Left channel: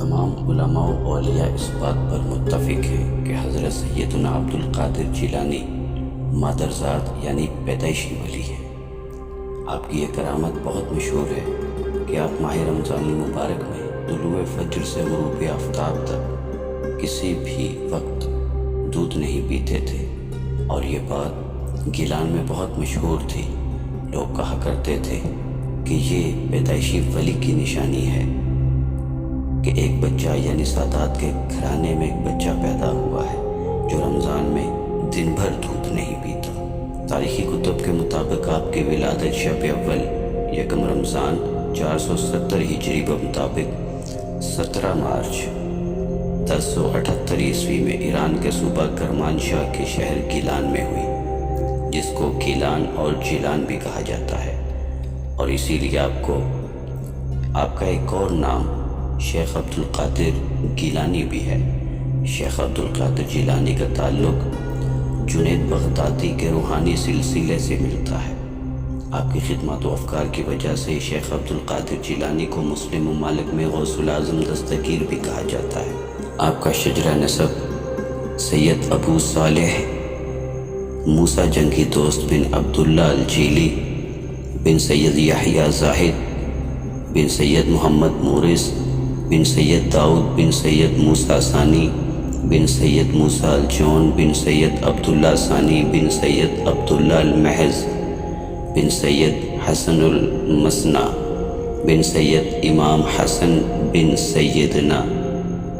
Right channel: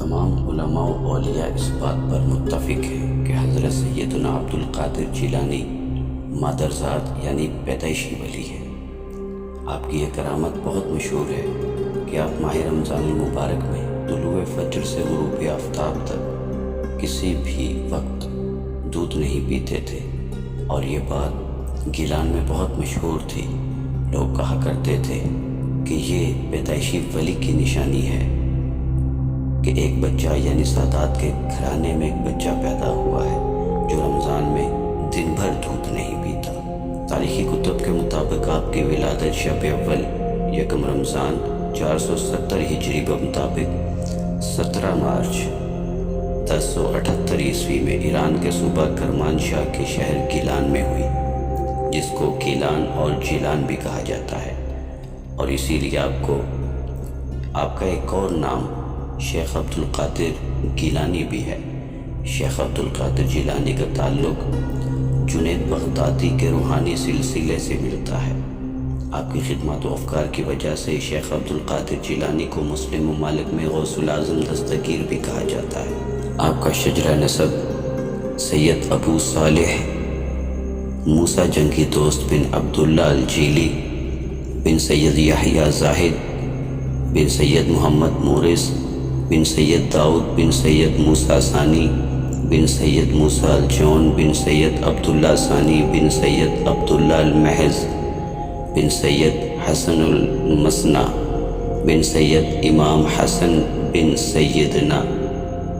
تمام علماء و اولیاء اس بات پر متفق ہیں کہ حضرت سیدنا عبد القادر جیلانی مادرزاد یعنی پیدائشی ولی ہیں۔ آپ کی یہ کرامت بہت مشہور ہے کہ آپ ماہ رمضان المبارک میں طلوع فجر سے غروب آفتاب تک کسی بھی وقت دودھ نہیں پیتے تھے، اور یہ بات گیلان میں بہت مشہور تھی۔ لوگ کہا کرتے تھے کہ یہ پیدائشی ولی کی نشانی ہے کہ ایک بچہ یعنی سادات کے گھرانے میں ایک بچہ پیدا ہوا ہے جو رمضان میں دن بھر دودھ نہیں پیتا۔ تاریخی کتب کے مطابق آپ کی ولادت شب اول یکم رمضان 470 ہجری کے مطابق 17 مارچ 1078 عیسوی میں ایران کے صوبہ کرمانشاہ کے شہر گیلان میں ہوئی، جس کو گیلان اور جیلان بھی کہا جاتا ہے، اور اسی لیے آپ کا ایک اور نام شیخ عبد القادر گیلانی بھی ہے۔ شیخ عبد القادر جیلانی کا تعلق جنید بغدادی کے روحانی سلسلے سے ملتا ہے۔ آپ کی خدمات و افکار کی وجہ سے شیخ عبد القادر جیلانی کو مسلم ممالک میں غوث اعظم دستگیر بھی کہا جاتا ہے۔ آپ کا شجرہ نسب سید ابو صالح موسیٰ جنگی دوست بن عبداللہ الجیلی بن سید یحییٰ زاہد بن سید محمد مورث بن سید داؤد بن سید موسیٰ ثانی بن سید موسیٰ الجون بن سید عبداللہ ثانی بن سید عبداللہ المحض بن سید حسن المثنی بن سید امام حسن بن سیدنا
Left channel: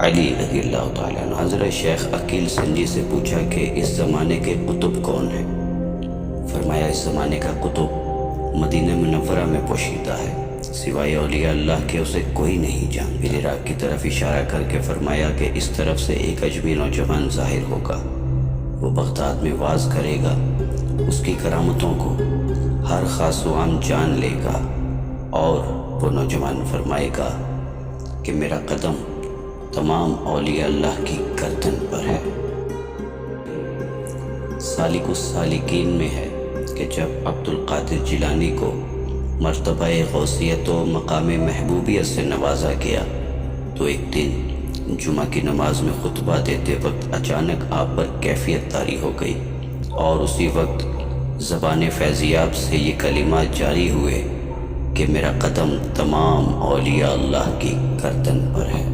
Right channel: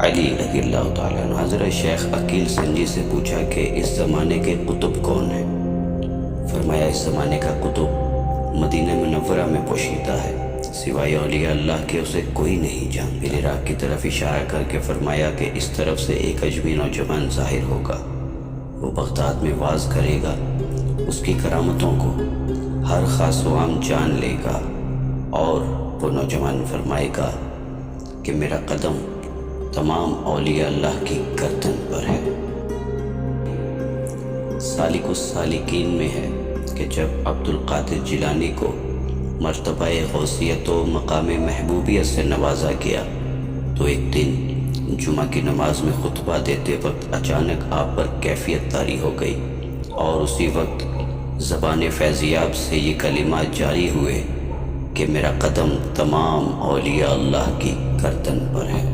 علی رضی اللہ تعالیٰ عنہ۔ حضرت شیخ عقیل سنجی سے پوچھا کہ اس زمانے کے قطب کون ہیں؟ فرمایا اس زمانے کا قطب مدینہ منورہ میں پوشیدہ ہے، سوائے اولیاء اللہ کے اسے کوئی نہیں جان۔ پھر عراق کی طرف اشارہ کر کے فرمایا کہ اس طرف سے ایک اجمی نوجوان ظاہر ہوگا، وہ بغداد میں واز کرے گا، اس کی کرامتوں کو ہر خاص و عام جان لے گا، اور وہ نوجوان فرمائے گا کہ میرا قدم تمام اولیاء اللہ کی گردن پر ہے۔ سالک السالکین میں ہے کہ جب عبد القادر جیلانی کو مرتبہ غوثیت و مقام محبوبیت سے نوازا گیا تو ایک دن جمعہ کی نماز میں خطبہ دیتے وقت اچانک آپ پر کیفیت طاری ہو گئی، اور اسی وقت زبان فیضیاب سے یہ کلمات جاری ہوئے کہ میرا قدم تمام اولیاء اللہ کی گردن پر ہے۔